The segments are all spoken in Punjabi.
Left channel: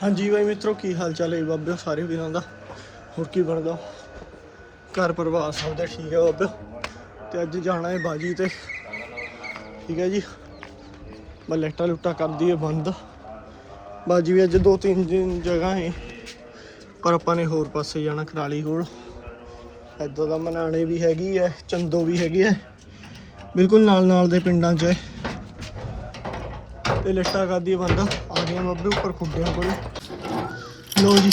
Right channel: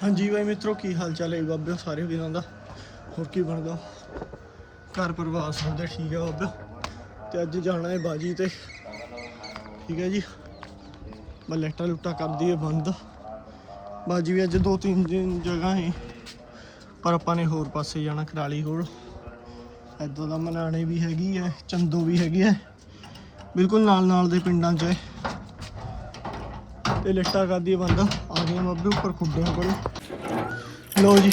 ਹਾਂਜੀ ਬਾਈ ਮਿੱਤਰੋ, ਕੀ ਹਾਲ ਚਾਲ ਹੈ ਬਾਬਿਓ? ਸਾਰੇ ਵੀਰਾਂ ਦਾ। ਹੋਰ ਕੀ ਬਣਦਾ? ਘਰ ਪਰਿਵਾਰ ਸਭ ਦੇ ਠੀਕ ਹੈ ਬਾਬਿਓ? ਤੇ ਅੱਜ ਜਾਣਾ ਹੈ ਬਾਜੀ ਤੇ। ਠੀਕ ਹੈ ਜੀ। ਮੈਂ ਲੈਟਾ ਲੁੱਟਾ ਕਰਦੀ ਹੈ ਬੰਦ। ਬਾਜੀ ਵੀ ਅੱਜ ਦੋ ਤਿੰਨ ਦਿਨ ਜਗ੍ਹਾ ਹੈ। ਪਰ ਆਪਾਂ ਨੇ ਹੋਰ ਪਾਸੇ ਜਾਣਾ ਕਰਾਲੀ ਕੋਲ। ਇੱਦਾਂ ਦਾ ਮਨਾਣੇ ਵੀ ਹੈਗੀ ਹੈ, ਚੰਦੋ ਵੀ ਹੈਗੀ ਹੈ। ਬਿਲਕੁਲ ਨਾਲ ਨਾਲ ਦੇ ਪਿੰਡਾਂ 'ਚ ਹੈ। ਤੇ ਲਿਸਟਾਂ ਕਰਦੀ ਹੈ ਬੰਦਾ। ਖੁੱਡੀਆਂ ਗਿਆ ਉੱਪਰ ਖੁੱਡਿਆਂ ਕੋਲ। ਲੋ ਜੀ,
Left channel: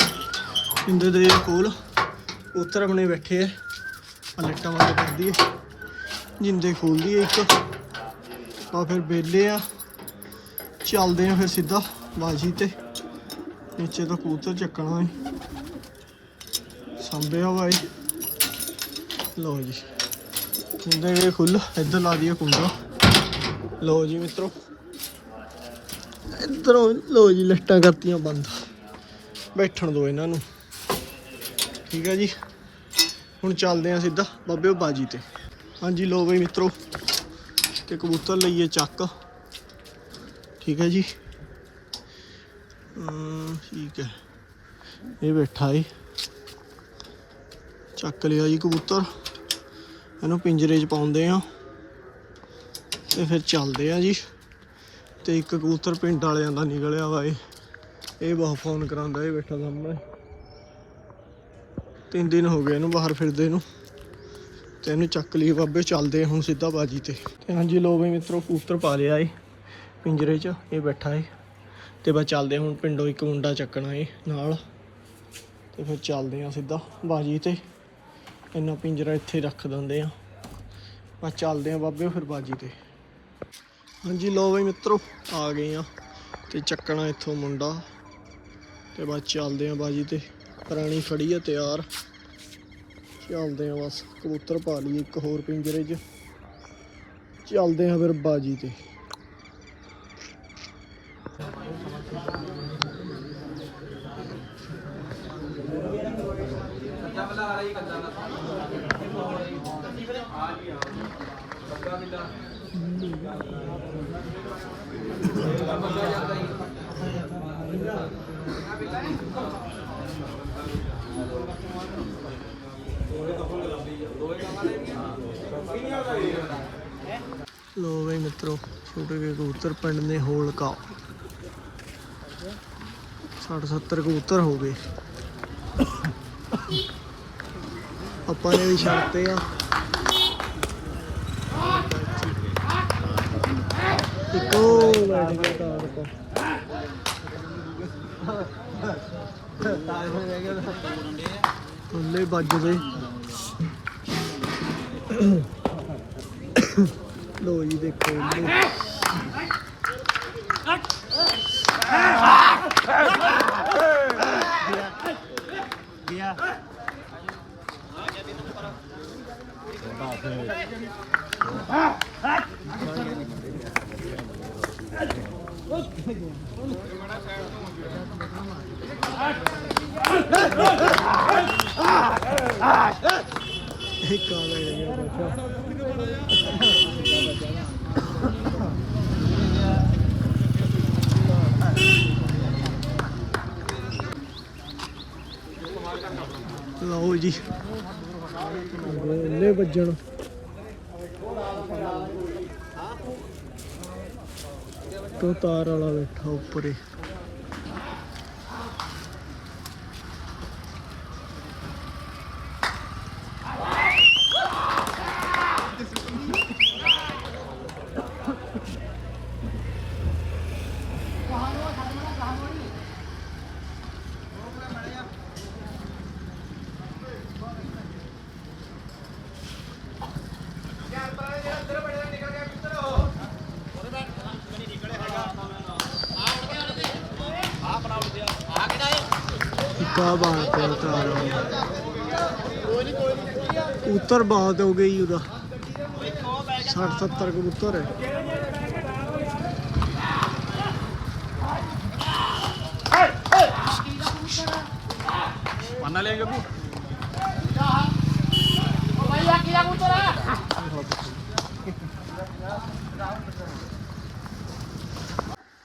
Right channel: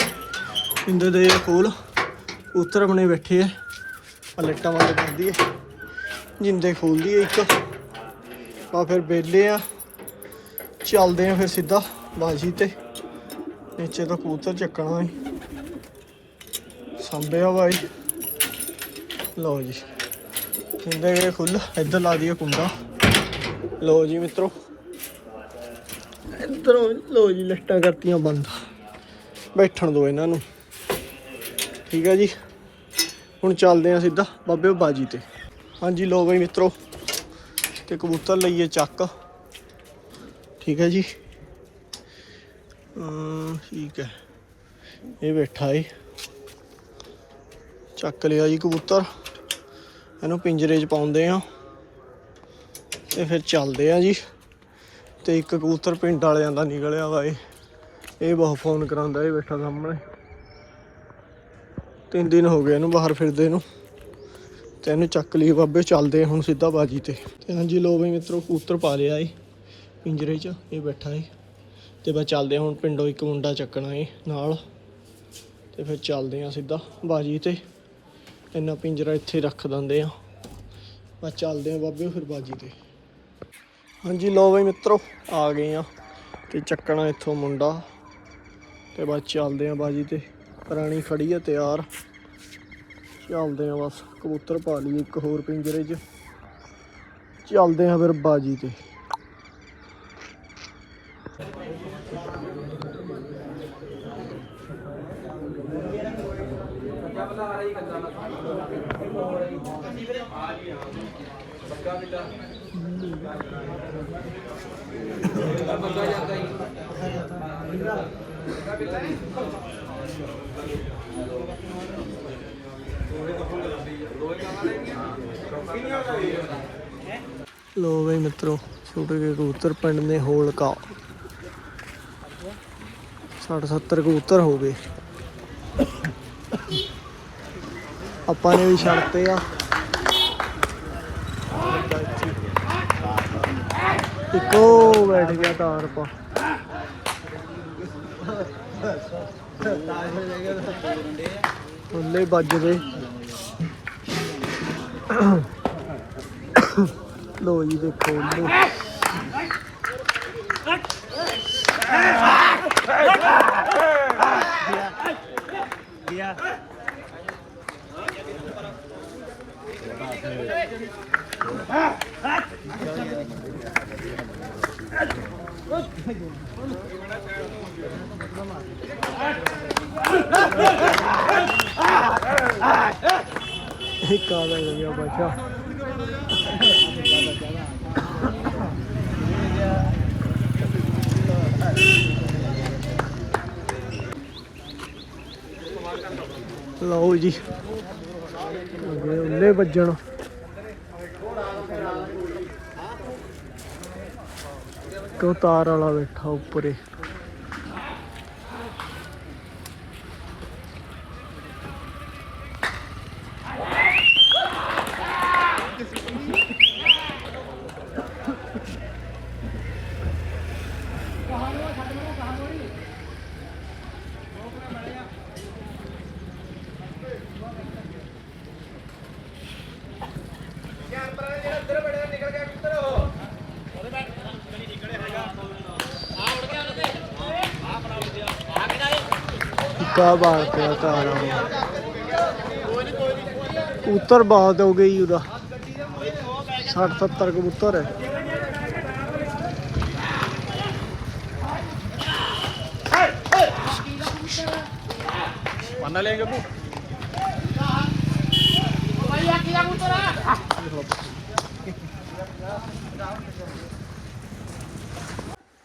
ਪਿੰਡੇ ਦੇ ਕੋਲ ਉੱਤਰ ਬਣੇ ਬੈਠੇ ਆ। ਆ ਲਿਸਟਾਂ ਕਰਦੀ ਹੈ ਜਿੰਦੇ ਖੋਲਦੀ ਹੈ ਇੱਕ। ਤਾਂ ਫਿਰ ਬੇਲੇ ਆ। ਚੱਲਦੇ ਆ ਫਿਰ ਸਿੱਧਾ ਬਾਜੀ ਤੇ। ਨੀਚੇ ਤੋਂ ਕਬੂਤਰ ਚੱਕਣਾ ਹੈ ਸੰਭਿਆ ਬਾਈ ਲਓ ਜੀ। ਕੁੰਡੇ ਵੇ ਖੁੱਲ ਇੱਧਰ ਲਾ ਦਈਏ ਕੁੰਡਾ। ਲਓ ਜੀ ਮਿੱਤਰੋ। ਇੱਧਰੋਂ ਲੋ ਜੀ ਲਿਸਟਾਂ ਕਰਤੀਆਂ ਬੰਦ। ਬੈਠਣ ਦਿਓ ਇਹਨਾਂ ਨੂੰ। ਠੀਕ ਹੈ ਜੀ? ਹੁਣ ਚੱਲਦੇ ਆ ਸਿੱਧਾ ਬਾਬੇ ਬਾਜੀ ਤੇ। ਹਾਂਜੀ ਲੋ ਬਈ ਮਿੱਤਰੋ ਤੇ ਕਬੂਤਰ ਲਈਏ ਚੱਕ। ਠੀਕ ਹੈ ਜੀ? ਅਮ, ਠੀਕ ਹੈ ਇਹ ਬੈਠਾ ਏ। ਚੱਕ ਲਿਆ ਜੀ ਕਬੂਤਰ। ਇਹਨੂੰ ਪਿੰਜਰੇ 'ਚ ਪਾਉਂਦੇ ਆ। ਤੇ ਫਿਰ ਚੱਲਦੇ ਆ ਜੀ। ਤੇ ਇੱਕ ਕਬੂਤਰ ਪਿੰਡ ਵਾਲਿਆਂ ਦਾ ਨਿਕਲਿਆ ਵਾ ਇਹ। ਇਹ ਬਹੁਤ ਫੋਨ ਕਰਾਉਂਦਾ, ਇਹ ਬੈਠਾ ਸਾਹਮਣੇ। ਤਿੰਨ ਦਿਨ ਹੋ ਗਏ ਇਹਨੂੰ ਬਾਹਰ ਫਿਰਦੇ ਨੂੰ। ਤੇ ਇਹਨੂੰ ਚੱਕ ਲਈ ਬਾਬੇ, ਚੱਲਦੇ ਹੁਣ ਸਿੱਧਾ ਬਾਜੀ ਤੇ। ਤੇ ਹਾਂਜੀ ਲੋ ਬਈ ਮਿੱਤਰੋ, ਕਬੂਤਰ ਪਾ ਲਿਆ ਏ ਪਿੰਜਰੇ 'ਚ, ਇਹ ਬੈਠਾ ਏ। ਤੇ ਬਸ ਚੱਲਦੇ ਆ ਹੁਣ ਪਿੰਡੋਂ ਇੱਕ ਮੁੰਡਾ ਚੱਕਣਾ ਏ ਨਾਲ। ਤੇ ਫਿਰ ਚੱਲਦੇ ਆ ਸਿੱਧਾ ਬਾਜੀ ਤੇ। ਇੰਨਾ ਪਿੰਜਰਾ ਇੱਥੇ ਰੱਖ ਦਿੰਦੇ ਆ। ਬਸ ਚੱਲਦੇ ਆ ਬਾਬੇ ਫਿਰ ਬਾਜੀ ਤੇ। ਹਾਂਜੀ ਲੋ ਬਈ ਮਿੱਤਰੋ, ਆ ਗਏ ਆ। ਤੇ ਚੱਕਣਾ ਇੱਥੋਂ ਮੁੰਡਾ। ਤੇ ਬਸ ਚੱਲਦੇ ਆ ਬਾਜੀ ਤੇ। ਪੁਰਾਣੀ ਖੜੀ ਆ ਤਿਆਰ। ਚੱਲਦੇ ਆ ਬਸ, ਕਬੂਤਰ ਪਾ ਲਈ ਇੱਕ ਹੋਰ ਪਿੰਜਰੇ 'ਚ। ਚੱਲਦੇ ਆ ਫਿਰ ਬਾਜੀ ਤੇ। ਲੋ ਬਈ ਮਿੱਤਰੋ, ਛੋਟੇ ਜਿਹੇ ਕਬੂਤਰ ਪਿੰਡ ਨੇ ਹੋਲਕਾ। 60 70 ਕਬੂਤਰ ਹੋ ਗਏ। ਆਪਾਂ ਨੇ ਵੀ ਛੱਡਤੇ ਆ। ਇੱਕੋ ਬੈਠ ਗਿਆ ਤਾਰ ਪਾ। ਥੱਲੇ ਵੱਜਦੇ ਲੋ ਜੀ ਦੇਖੋ ਲੋ ਇੱਕ ਆ ਗਿਆ ਬੱਚਾ ਲਓ ਜੀ। ਅੱਗੇ ਉੱਲੇ ਵੱਜਣ ਕੋ ਤਾਰ ਵਾਲਾ ਬੈਠਾ ਉੱਪਰੇ। ਕਾ ਬਾੜ ਪਿਆ ਤਾਰਾ ਉੱਤਰ ਬਾਤ ਹੋ ਗਈ ਉਹਦਾ। 60 70 ਕਬੂਤਰ ਹੈ। ਪਾਣਾ ਲੈ ਜੱਬੂ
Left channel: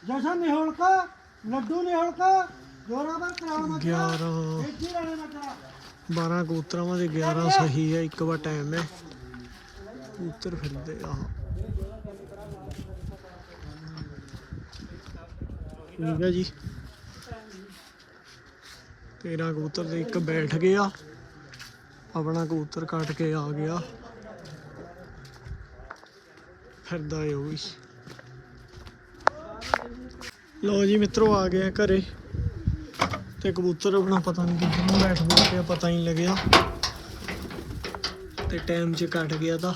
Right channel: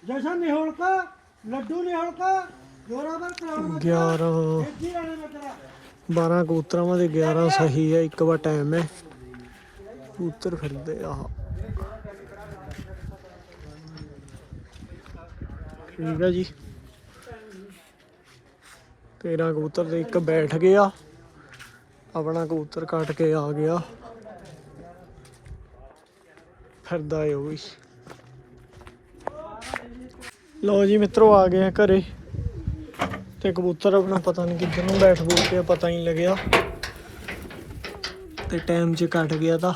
ਜਸ਼ਨ ਨਿਹੋਲਕਾ ਲੱਡੂ ਨਿਹੋਲਕਾ। 11 12 ਕਬੂਤਰਾਂ ਦੇ 11 ਸਹੀ ਹੈ ਇੱਕ ਵਾਰ ਟਾਈਮ ਹੈ। ਕਬੂਤਰ ਫਿਰਦੇ ਆ। ਠੀਕ ਹੈ ਜੀ। 13 ਕਬੂਤਰ ਦੇ ਇੱਕ ਬੈਠ ਗਿਆ ਆਪਣਾ ਕਬੂਤਰ ਕੱਟ ਕੇ ਆ ਗਿਆ। ਫਿਰਦਾ ਏ ਉਹ ਵੀ। ਲੋ ਜੀ ਮਿੱਤਰੋ ਆ ਗਏ ਆ ਘਰੇ। ਤੇ ਕਬੂਤਰ ਆਪਣਾ ਪਤਾ ਨਹੀਂ ਕਿੱਧਰ ਨੂੰ ਬੈਠ ਬੂਠ ਪਿਆ ਪਤਾ ਨਹੀਂ ਲੱਗਿਆ। ਤੇ ਟਾਈਮ 'ਚ ਕੱਟ ਗਿਆ ਤਾਂ।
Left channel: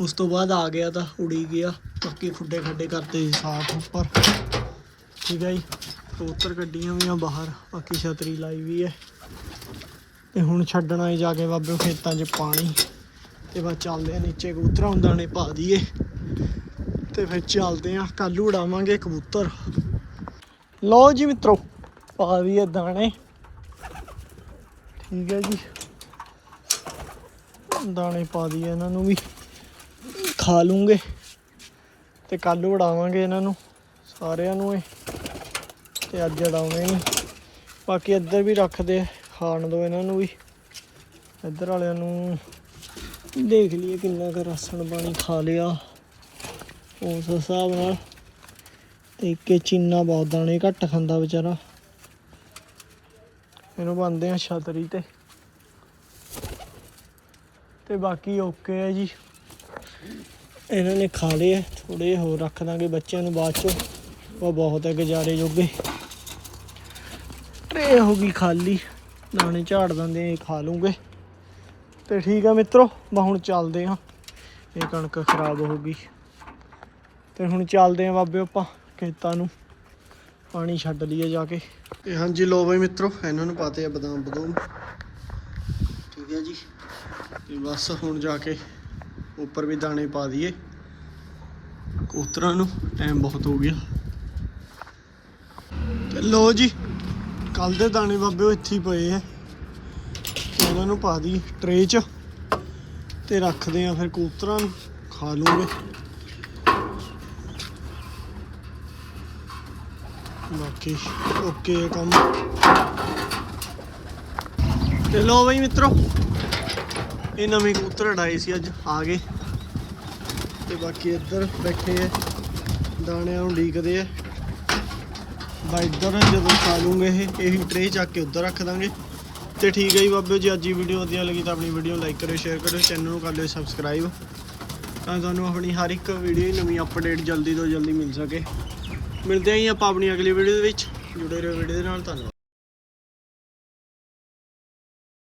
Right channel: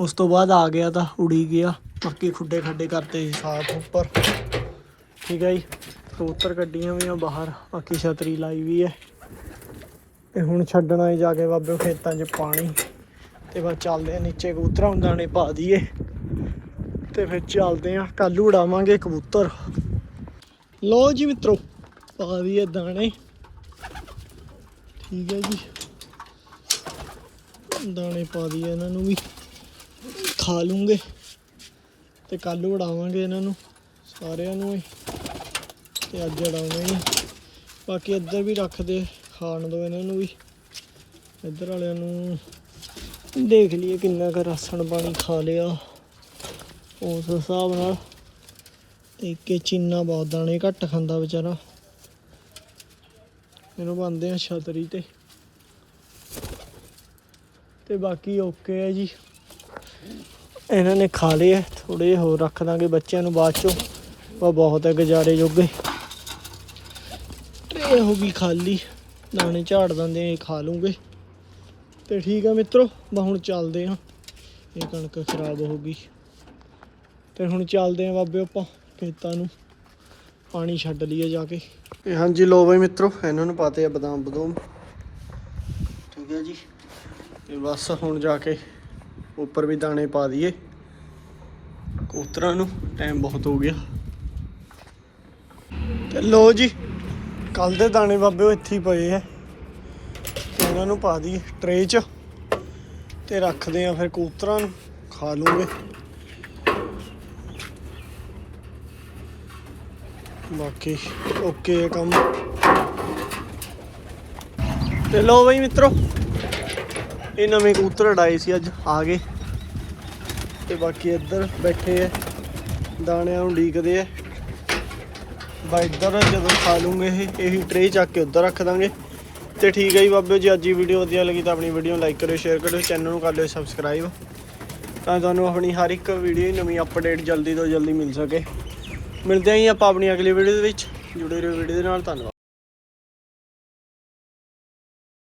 ਉਸ ਤੋਂ ਬਾਅਦ ਆ ਗਿਆ ਤਾਂ ਉੜੀ ਗਿਆ। ਬਾਕੀ ਖੁੱਡੇ ਖੱਡੇ ਕਰਤੇ ਜੀ ਸਾਫ਼ ਉੱਪਰ। ਠੀਕ ਹੈ ਜੀ। ਕਬੂਤਰ ਗੱਡੀਆਂ ਵੀ ਆ ਬਾਹਰ। ਬਾਕੀ ਛਤਰੀ ਲਾਈ ਵੀ ਹੈ ਤੇ ਹੁਣ ਛੱਡਣਾ ਹੈ ਜਾ ਕੇ ਬਾਬੇ ਖੇਤਾਂ 'ਚ ਪਾਣੀ। ਤੇ ਬਸ ਚੱਲਦੇ ਆ ਨੀਚੇ ਕਬੂਤਰਾਂ ਨੂੰ ਨੇ ਪਾ ਦਈਏ। ਤੇ ਫਿਰ ਚੱਲਦੇ ਆ। ਕੱਲ ਉਡਾਵਾਂਗੇ ਕਬੂਤਰ। ਲਓ ਜੀ ਮਿੱਤਰੋ। ਪਾ ਦਈਏ ਦਾਣੇ। ਠੀਕ ਹੈ ਜੀ। ਦਾਣੇ ਪਾ ਦਈਏ ਇਹਨਾਂ ਨੂੰ ਵੀ। ਖਾ ਲੂੰਗੇ ਤੇ ਕੱਲ ਉਡਾਵਾਂਗੇ ਇਹਨਾਂ ਨੂੰ ਸਾਰਿਆਂ ਨੂੰ ਇਹ। ਤੇ ਅੱਜ ਉਡਾਉਣੇ ਨਹੀਂ। ਬਾਕੀ ਇੱਧਰ ਵੀ ਰੱਖਦੇ ਖਾਣ ਦੋ ਇਹਨਾਂ ਨੂੰ ਵੀ। ਇੱਧਰ ਵਾਲਿਆਂ ਨੂੰ ਦੇਖ ਲਈਏ ਕਿੰਨਾ ਕੁ ਰਾਸ਼ਨ ਪਾਣੀ ਖਾ ਲਿਆ। ਉਸ ਹਿਸਾਬ ਨਾਲ ਤੇ ਇੱਕ ਚੀਨਾ ਬਹੁਤ ਦਾਣੇ ਘੱਟ ਖਾਂਦਾ ਵਿਚਾਰਾ। ਇਹਨੂੰ ਬੰਦੇ ਆ ਛਤਰੀ ਤੇ। ਤੇ ਬਾਕੀ ਓਕੇ ਹੈ ਜੀ। ਇਹਨਾਂ ਨੇ ਖਾ ਲਏ ਆ ਥੋੜੇ ਹੋਰ ਰੱਖ ਦਾਂਗੇ ਬੱਚਿਆਂ ਨੂੰ ਬਾਅਦ ਚੋਂ। ਉਹ ਬਹੁਤ ਹੈ ਗੁਜ਼ਾਰੇ ਜੋਗੇ। ਟਰੇ ਹੋ ਗਈ ਖਾਲੀ। ਦਾਣੇ ਝਾੜ ਦਿੰਦੇ ਆ, ਇਹ ਖਾ ਲੂੰਗੇ। ਤੇ ਠੀਕ ਆ ਮਿੱਤਰੋ ਬਾ ਹੁਣ ਚੱਲਦੇ ਆ ਇਹ ਕਣਕ ਖਰਾਬ ਹੋ ਗਈ। ਤੇ ਹੁਣ ਚੱਲਦੇ ਆ ਬਾਬੇ ਆਪਾਂ ਖੇਤਾਂ ਨੂੰ। ਪਾਣੀ ਛੱਡ ਲਈਏ ਜਾ ਕੇ। ਤੇ ਹਾਂਜੀ ਲੋ ਬਈ ਮਿੱਤਰੋ, ਇਹਨਾਂ ਨੂੰ ਪਾਤੇ ਆ ਬਦਾਮ ਬਦੂਮ। ਠੀਕ ਹੈ ਜੀ। ਤੇ ਬਸ ਹੁਣ ਜਾ ਕੇ ਉੱਪਰ ਵੀ ਦਾਣੇ ਪਾ ਦਈਏ। ਕਬੂਤਰਾਂ ਨੂੰ ਟਾਈਮ ਬਹੁਤ ਹੋ ਗਿਆ। ਤੇ ਲੋ ਜੀ ਕੱਲ ਦੇ ਦਾਣੇ ਬਾਬੇ ਉਹ ਇੱਥੇ ਹੀ ਪਏ ਐ ਤੇ ਇਹਨਾਂ ਨੂੰ ਪਾ ਦੀ ਟਰੇ 'ਚ। ਤੇ ਰੱਖਦੇ ਆ ਫਿਰ ਕਬੂਤਰਾਂ ਨੂੰ, ਖਾ ਲੂਗੇ। ਬਾਕੀ ਓਕੇ ਹੈ ਕੰਮ। ਤੇ ਲਓ ਬਈ ਮਿੱਤਰੋ, ਇਹ ਨਵੇਂ ਕਬੂਤਰ ਉਡਾਏ ਸੀ ਅੱਜ, ਆ ਗਏ। ਤੇ ਬਾਕੀ ਇੱਧਰ ਬੈਠੇ ਐ ਦਾਣਿਆਂ ਨੂੰ ਢੀਕਦੇ ਐ ਬਾ ਇੱਧਰ ਜਦੋਂ ਖਾ ਲੂੰਗੇ ਇਹ, ਇਹੀ ਟਰੇ ਚੱਕ ਕੇ ਉੱਧਰ ਰੱਖ ਦਾਂਗੇ। ਤੇ ਠੀਕ ਹੈ ਜੀ ਬਾਬਿਓ ਜੀ, ਅੱਜ ਦੀ ਵੀਡੀਓ ਵਧੀਆ ਲੱਗੀ ਤਾਂ ਆਪਣੀ ਵੀਡੀਓ ਨੂੰ ਲਾਈਕ ਕਰਿਓ ਸ਼ੇਅਰ ਕਰਿਓ ਚੈਨਲ ਨੂੰ ਕਰ ਲਿਓ ਸਬਸਕ੍ਰਾਈਬ ਤਾਂ ਤੁਹਾਨੂੰ ਆਪਣੀ ਹਰ ਇੱਕ ਵੀਡੀਓ ਨਵੀਂ ਅਪਡੇਟ ਜਲਦੀ ਤੋਂ ਜਲਦੀ ਮਿਲ ਸਕੇ। ਮਿਲਦੇ ਹਾਂ ਜੀ ਆਪਾਂ ਆਪਣੀ ਅਗਲੀ ਵੀਡੀਓ ਦੇ ਵਿੱਚ। ਜੁੜੇ ਰਹੋ ਵੀਡੀਓ ਦੇ ਨਾਲ, ਧੰਨਵਾਦ।